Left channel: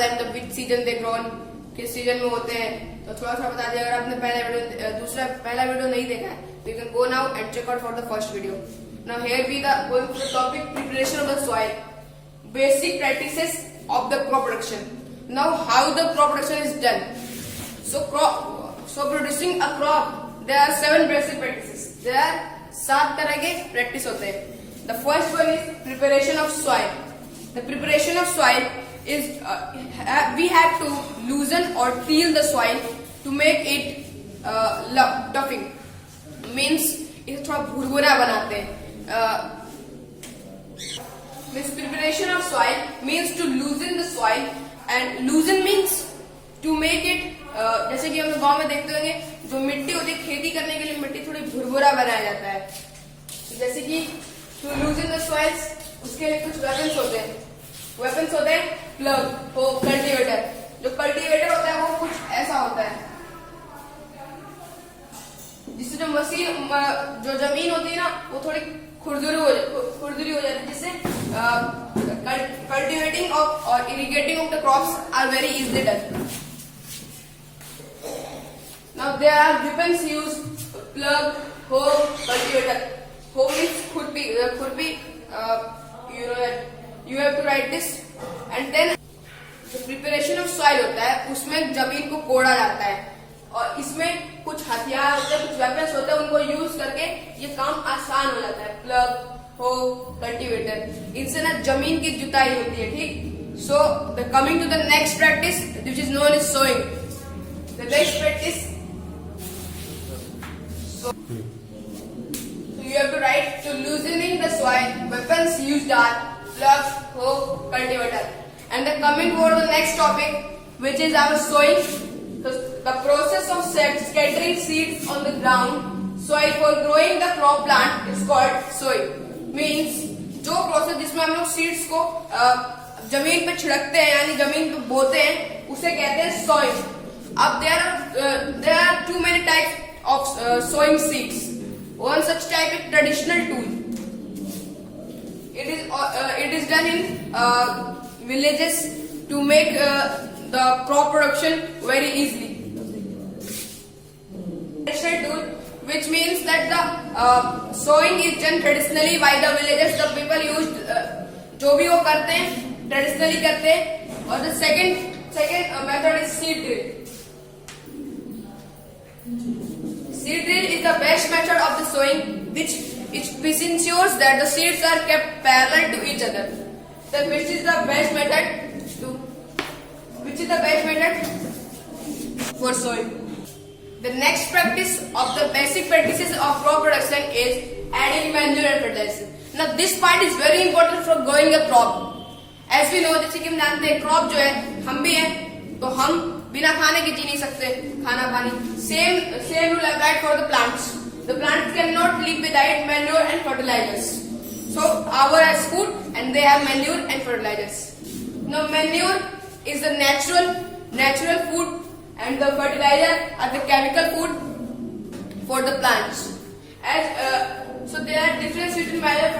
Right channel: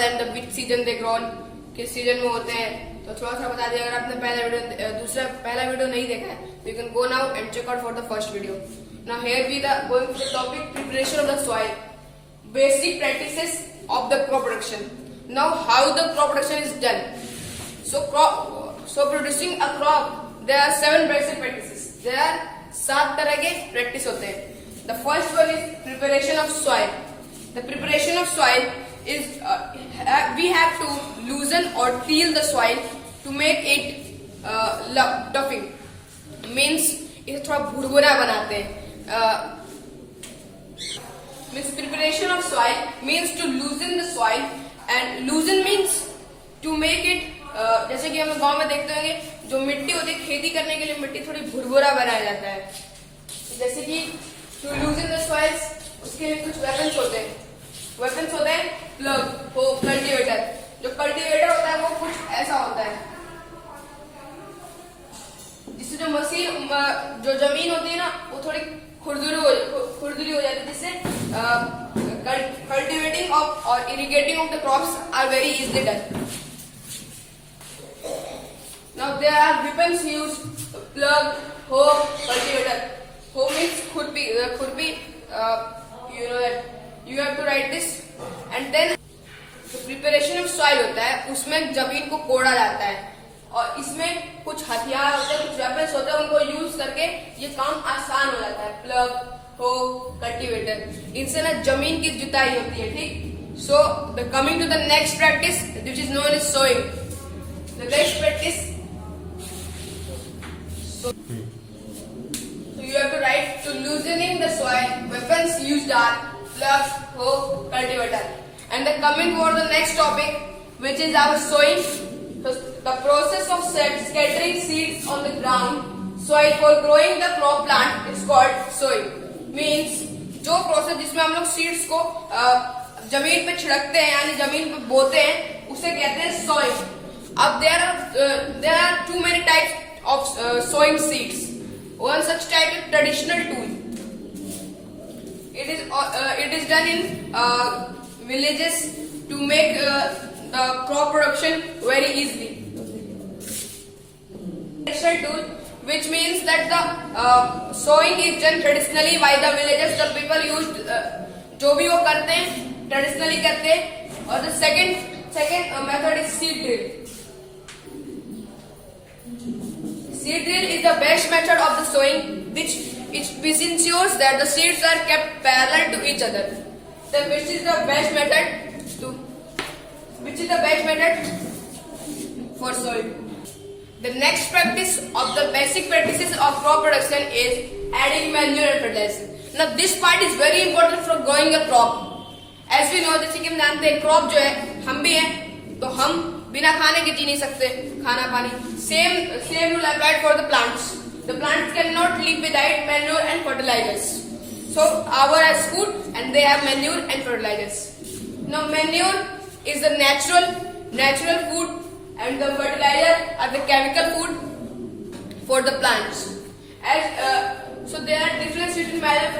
And the which season they grown, किस season में होते हैं, तो थोड़ा सा बता दिया। अगर आपने पहला वीडियो नहीं देखा है, you can go now and check out for the first video. Now here we the going to the topic preparation of the soil, basic practices of the crop production. Now how the crop production is done. So producing a crop, there are 7 basic practices. There are 7 तरह के practice होते हैं. The first one is preparation of soil. The preparation of soil is we have to loosen or till the soil to make it toughing. Means इसे थोड़ा भुरभुरा बनाते हैं. Means preparation of soil means to loosen the soil, and loosen means to make it जैसे कि हम गांव में देखते होंगे, जो मिट्टी होती है खेती करने के लिए मिट्टी थोड़ी भुरभुरा बनाया जाता है. जैसे कि to loosen the soils, उसके लिए कुछ वेपन्स होते हैं. वेपन्स होते हैं प्लग, हो कल्टीवेटर. जो कल्टीवेटर होता है वो कुछ ऐसा होता है, जिससे जो मशीन जो जमीन होती है ना वो थोड़ी खुरदुरी हो जाती है, जिससे कल्टिवेटिंग ऑफ और irrigating of the crops are very easily done. Now there are weapons use plough, hoe, cultivator. Hoe means खुरपी, you know that you have to write this. And then preparation of soil होता है, उसमें जमीन को कोड़ा जाता है और इसमें कुछ हथियार होते हैं, कुछ वेपन्स होते हैं, उनको यूज करके ये काम आसान हो जाता है. प्लग, हो, कल्टीवेटर, इनसे ना जमीन की जुताई होती है. ठीक. So coming to the next practice which is known as sowing. The next practice, so you have to write to loosening the soil. Weapons used are plug, hoe, cultivator. And the coming over the next topic, which is our sowing. The process of scattering seeds on the ground soil for growing the crop plant is called sowing. Means जो process जिसमें हम लोग seeds को जमीन पे छिड़कते हैं यानी जमीन पे बोते हैं, उसे कहते हैं sowing. अब there are too many types of sowing seeds. One such type is traditional tool. It is done in villages to make the crop production very easily. Traditional tool, which means that the sowing is done traditionally by the villagers. The people used जो भी वो करते हैं traditionally करते हैं. और the second method is seed drill. Seed drill is the best method of the sowing, which ensures that the seeds are kept parallel to each other. Then which is the best method for sowing. The next practice of the basic practices of crop production is adding manure and fertilizer. Now this part is very important for growing a crop. As we know, जैसे कि हम जानते हैं crop जो है, हम भी हैं, तो हम बिना खाने के जी नहीं सकते. खाना पानी same rule applied for the plants. The plants cannot live without manure and fertilizers. So our has food and they have manure and fertilizers. Now manure is the natural food and the fertilizer are the chemical food for the plants. So there are difference between manure and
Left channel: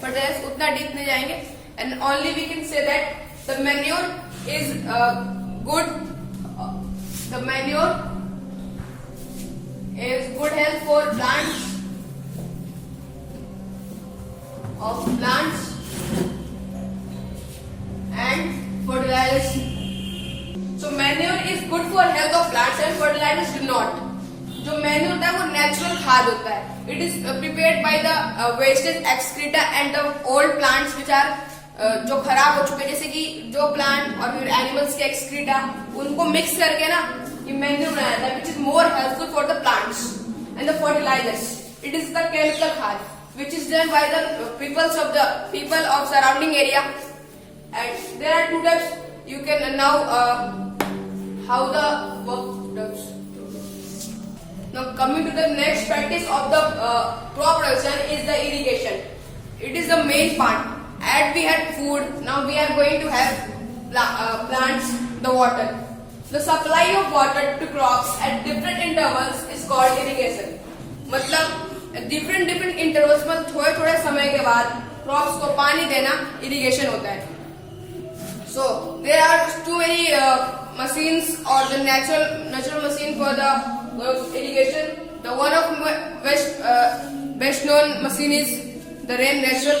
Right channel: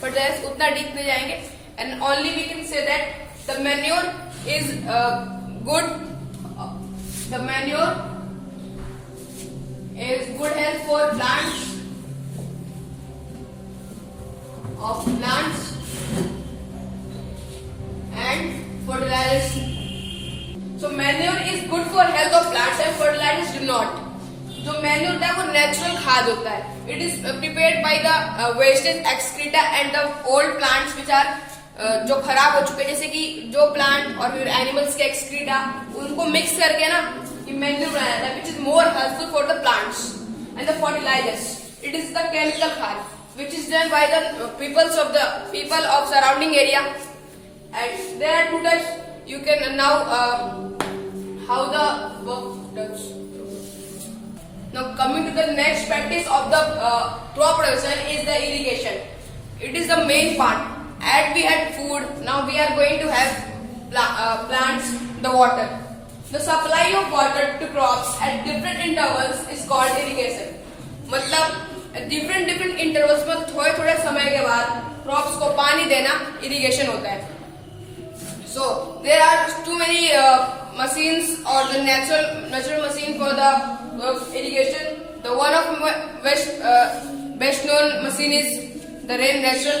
fertilizers. उतना deep नहीं जाएंगे. And only we can say that the manure is good. The manure is good health for plants and fertilizers. So manure is good for health of plants and fertilizers do not. जो manure होता है वो natural खाद होता है. It is prepared by the wastage excreta and the old plants which are जो खराब हो चुके हैं, जैसे कि जो प्लांट और फिर एनिमल्स के एक्सक्रीटा, उनको मिक्स करके ना ये मैन्यूर बनाया जाता है, which is more helpful for the plants. And the fertilizers, it is the chemical खाद which is done by the people of surrounding area. And there are 2 types. You can now how the work does. Now coming to the next practice of the crop production is the irrigation. It is the main part. As we had food, now we are going to have plants the water. The supply of water to crops at different intervals is called irrigation. मतलब different intervals में थोड़े समय के बाद crops को पानी देना irrigation होता है. So there are too many machines or the natural machine for the irrigation. The one of best known machine is the rain natural.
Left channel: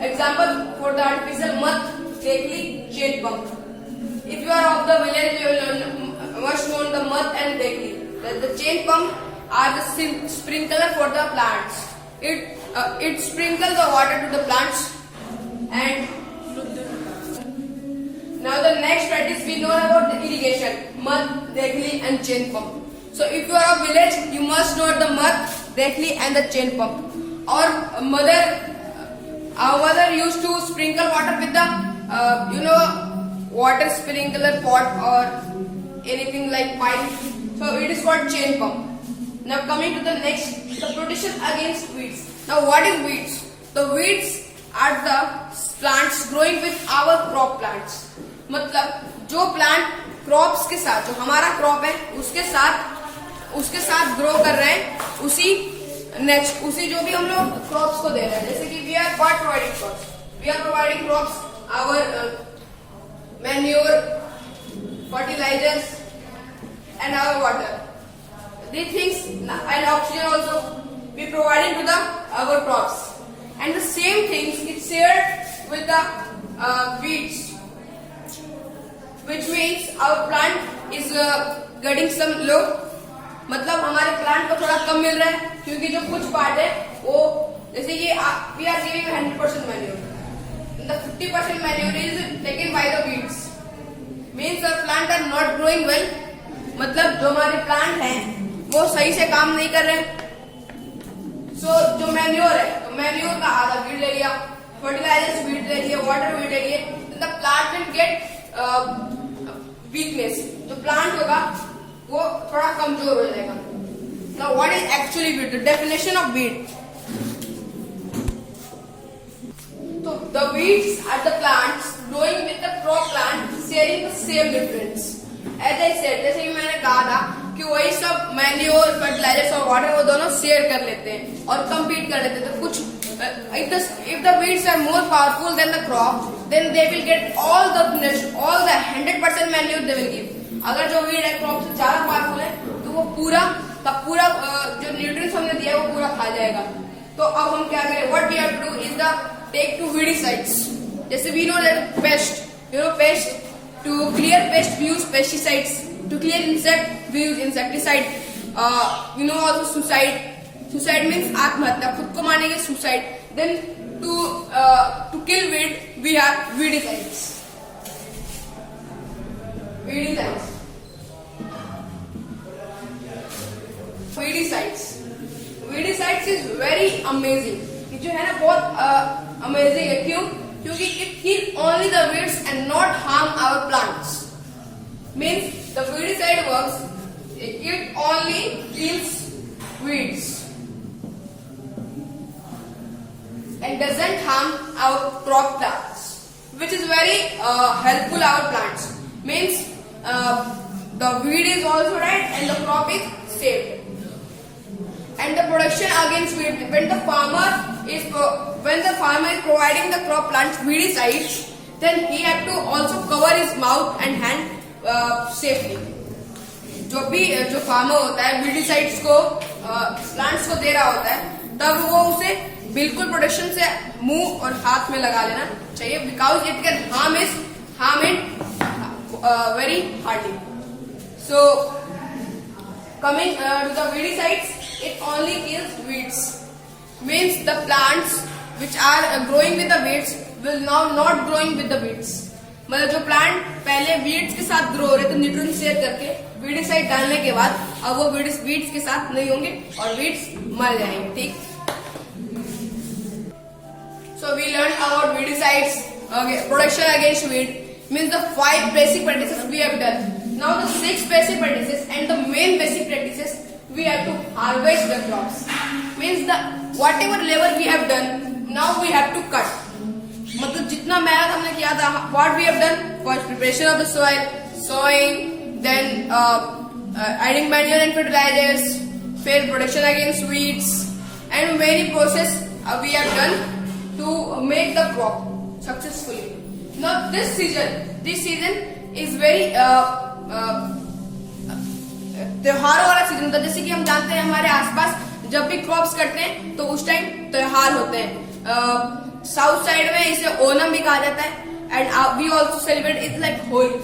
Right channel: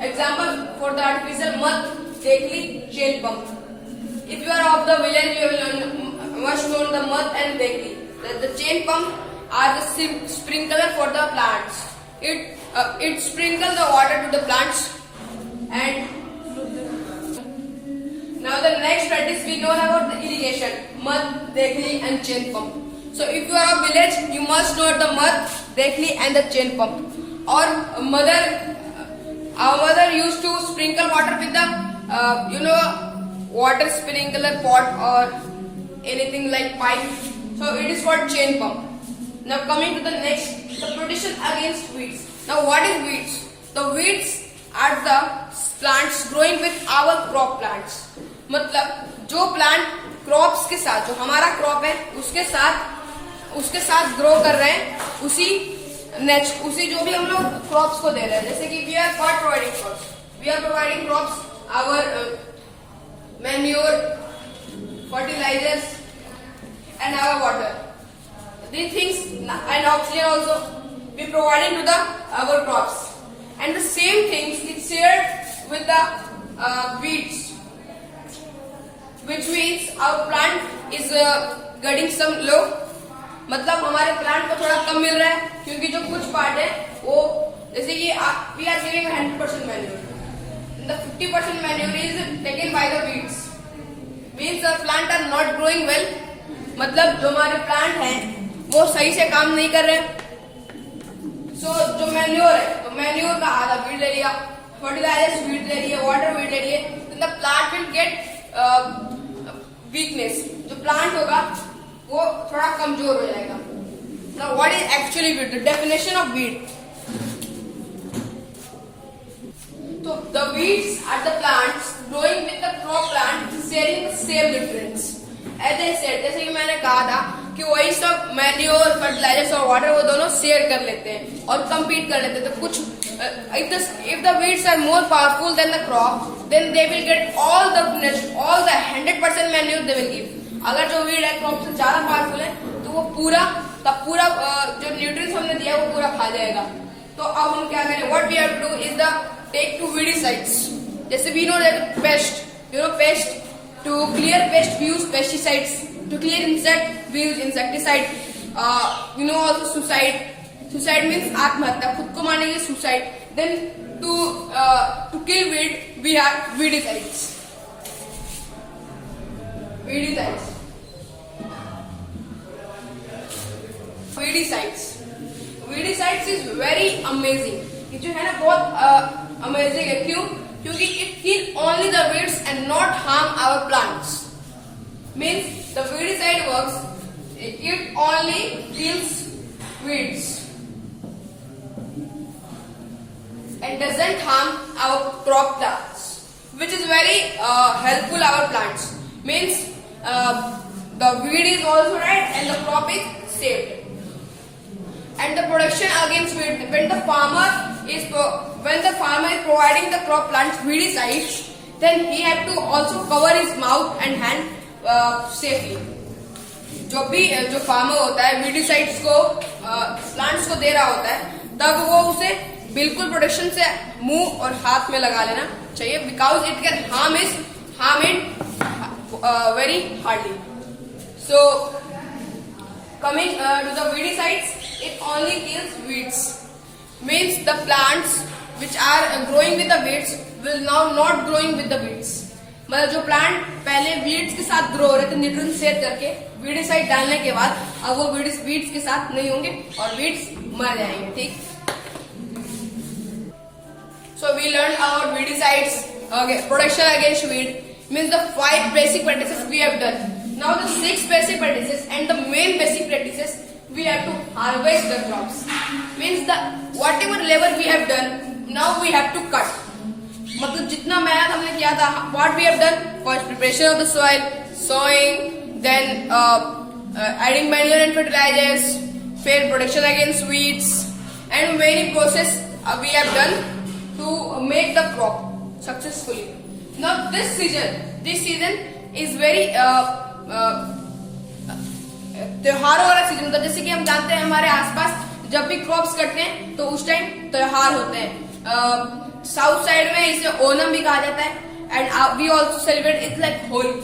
Example for the artificial mud, Dekli chain pump. If you are of the village, you will must know the mud and Dekli. The chain pump are the sprinkler for the plants. It sprinkles the water to the plants. And now the next practice we know about the irrigation, mud, Dekli and chain pump. So if you are of village, you must know the mud, Dekli and the chain pump. Or our mother used to sprinkle water with the water sprinkler pot or anything like pipe. So it is called chain pump. Now coming to the next, the protection against weeds. Now what is weeds? The weeds are the plants growing with our crop plants. मतलब जो plant crops के साथ, जो हमारा crop है उसके साथ grow कर रहे हैं, उसी जो भी हम लोग क्रॉप्स को दे रहे हैं. जैसे कि we are providing crops our manure, fertilizers and our water. These things and oxygen also we providing to our crops. And the same things is shared with the weeds, which means our plant is getting some low. मतलब हमारे plant को थोड़ा कम मिल रहा है क्योंकि जो कुछ part है वो, जैसे कि we are giving 100% manure. The 50% manure is taken by the weeds. Means the plant are not growing well. मतलब जो हमारे प्लांट हैं वो सही से काम नहीं कर रहे. So जो मैन्योर है, तो मैन्योर का आधा वीड ले लिया, फर्टिलाइजर्स वीड ले लिए, वाटर वीड ले लिए, then the plant will get weakness. जो प्लांट होगा वो थोड़ा कमजोर हो जाएगा. Now what is actually weed? The definition of weed. So the weeds are the plants growing with the crop plant sharing the same nutrients. As I said, जैसे कि मैंने कहा था कि वही सब मैन्योर, फर्टिलाइजर्स और वाटर वो दोनों शेयर कर लेते हैं और compete कर लेते हैं. तो कुछ if the weeds are more powerful than the crop, then they will get all the 100% manure they will give. अगर जो weed है crop से ज्यादा powerful है तो वो पूरा जो nutrients हमने दिया है वो पूरा खा जाएगा. तो अब हम क्या करें? What we have to do is the take to weedicides. जैसे we know that pest, to clear pest we use pesticides. To clear insect we use insecticide. Also suicide. Suicide means आत्महत्या, खुद को मारने की suicide. Then to kill weed we have weedicides. Weedicides is very amazing. जो है ना बहुत amazing है. क्यों? क्योंकि it kill only the weeds and not harm our plants. Means the weedicide works, it only kills weeds and doesn't harm our crop plants, which is very helpful our plants. Means the weed is also right and the crop is saved. And the protection against weed, when the farmer is providing the crop plant weedicides, then he have to also cover his mouth and hand safely. जो farmer होता है weedicides को plants को दे रहा होता है, तब वो उसे बिल्कुल प्रोटेक्शन से मुंह और हाथ में लगा लेना चाहिए, because it can harm it very hardly. So coming to the weedicides, it only kills weeds. Means the plants which are growing with the weeds will now not growing with the weeds. मतलब जो plant पहले weeds के साथ grow हो रहे थे nutrient share करके, weedicide डालने के बाद अब वो वीड्स के साथ नहीं होंगे और वीड्स मर जाएंगे. ठीक. So we learned about weedicides. Okay, protection against weed means the 5 basic practices we have done. Now the 6 basic practices and the main basic practices we have to harvest the crops. Means the whatever labor we have done, now we have to cut. मतलब जितना मेहनत हमने किया था, what we have done? First preparation of the soil, sowing, then adding manure and fertilizers, then protection against weeds, and many process we have done to make the crop successfully. Now this season is very त्योहारों वाला season होता है. जैसे कि हम जानते हैं हमारे आसपास जब भी क्रॉप्स कटते हैं तो उस टाइम त्योहार होते हैं. साउथ साइड में इसे ओनम भी कहा जाता है. And we also celebrate it like Holi.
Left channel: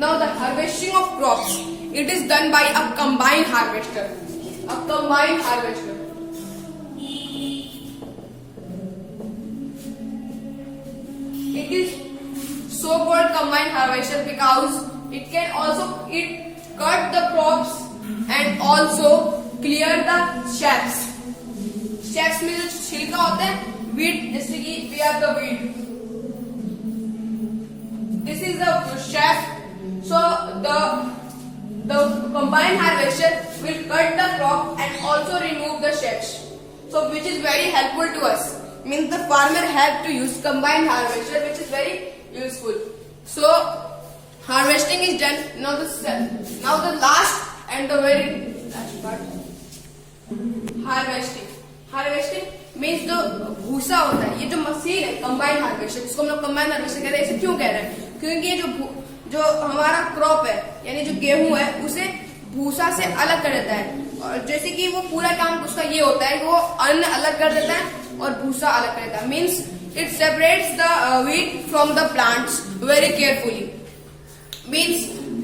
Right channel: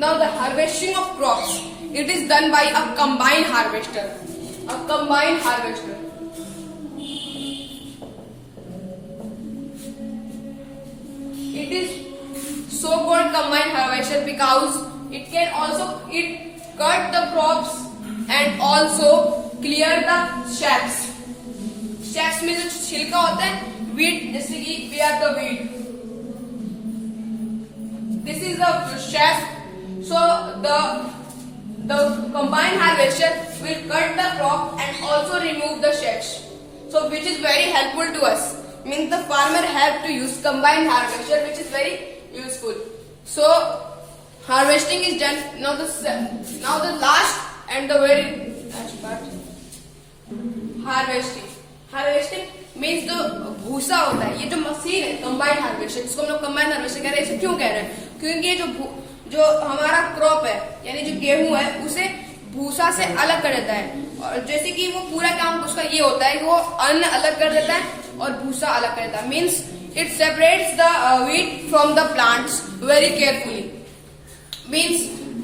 Now the harvesting of crops, it is done by a combined harvester. It is so-called combined harvester because it can also cut the crops and also clear the shacks. Shacks में जो छिलका होता है, wheat, जैसे कि we have the wheat. This is the shack. So the combined harvester will cut the crop and also remove the shacks. So which is very helpful to us. Means the farmer have to use combined harvester, which is very useful. So harvesting is done. Now the last and the very last part, harvesting means जो भूसा होता है, ये जो machine है combined harvester, जिसको हम लोग कंबाइंड हार्वेस्टर कह रहे हैं, इसे क्यों कह रहे हैं? क्योंकि ये जो हमारा क्रॉप है यानी जो गेहूं है उसे भूसा से अलग कर देता है. और जैसे कि वो पूरा काम उसका ये होता है कि वो अन्न अलग कर देता है और भूसा अलग कर देता है. Means it separates the wheat from the plants very carefully. Means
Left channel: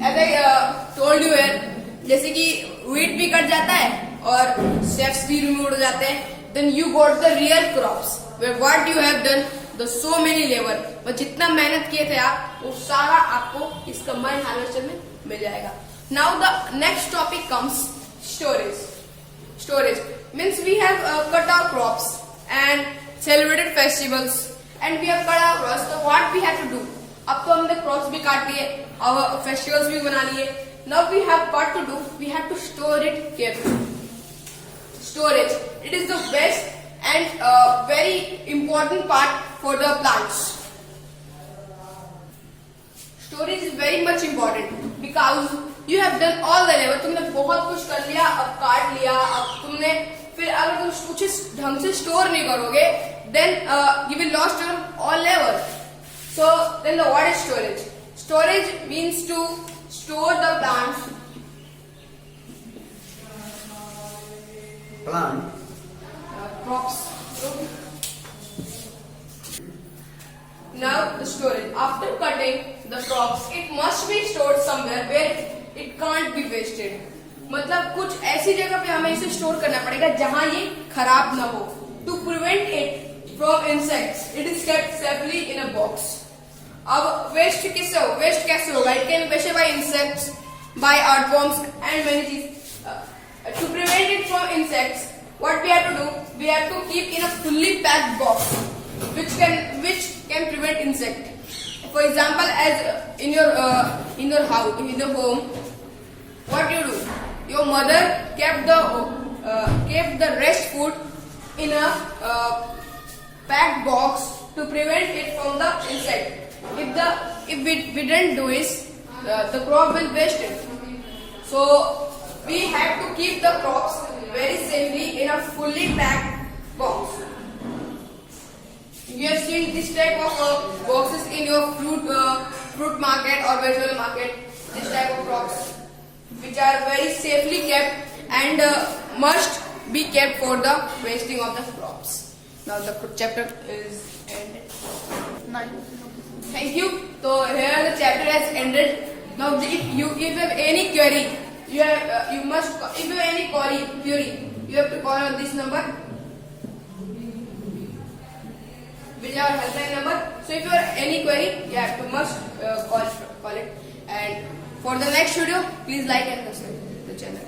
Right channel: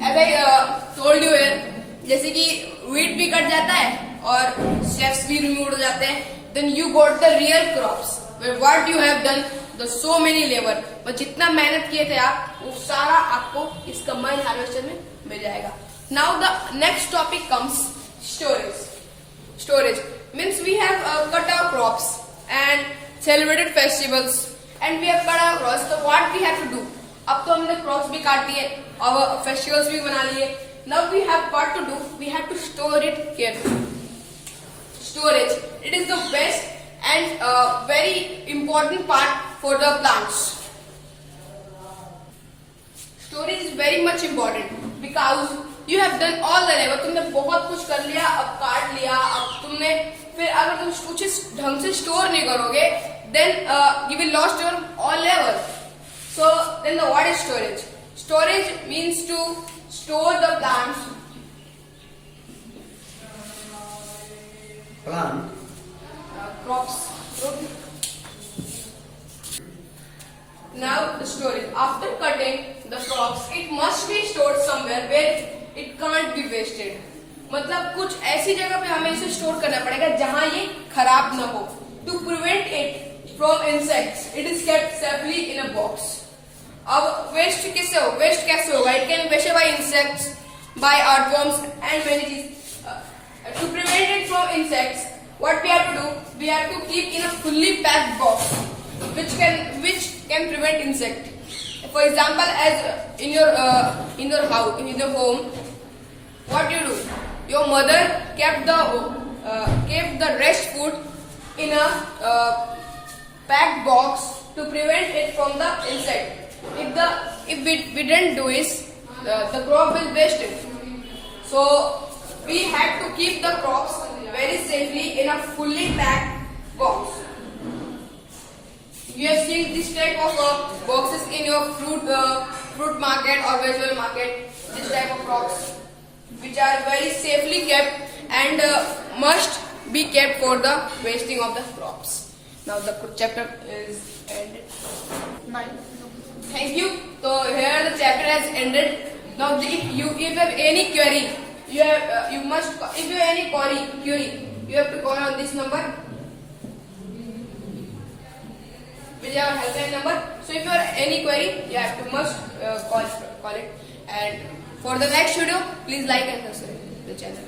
as I told you है, जैसे कि wheat भी कट जाता है और शेफ्स भी रिमूव हो जाते हैं. Then you got the real crops where what you have done the so many labour. और जितना मेहनत किए थे आप, वो सारा आपको इस कंबाइंड हार्वेस्टर में मिल जाएगा. Now the next topic comes storage. Means we have cut our crops and celebrated festivals and we have cut our crops. So what we have to do? अब तो हमने crops भी काट लिए और festivals भी बना लिए. Now we have what to do? We have to store it carefully. Storage. It is the best and very important part for the plants. Storage is very much important because you have done all the labor. तुमने बहुत कुछ कर लिया, अब काट लिया, अब तुमने फिर अगर तुम कुछ ढंग से स्टोर नहीं करोगे, then you will lost your all labor. So then what is storage? Storage means to store the plants. Crops. Now the storage. After cutting the crops, it must be stored somewhere where it can't be wasted. मतलब कुछ ऐसी जगह पे हमें इसे store करना पड़ेगा जहां ये खराब ना हो. To prevent it from insects, it is kept safely in a box. अब वेस्ट कैसे होगा? It can be wasted by insects, by earthworms and many things. To prevent it from insects, what we have to do? We have to keep in a fully packed box, which can prevent insect. For example, as in your house, in your home, what you do? Your mother kept the rest food in a packed box to prevent it from the insect. If we didn't do this, the crop will waste it. So we have to keep the crops very safely in a fully packed box. You have seen this type of boxes in your fruit market or vegetable market. This type of crops, which are very safely kept and must be kept for the wasting of the crops. Now the chapter is ended. Thank you. So here the chapter has ended. Now if you have any query, you must. If you have any query, you have to call on this number, which is our helpline number. So if you have any query, you must call it. And for the next video, please like and subscribe the channel.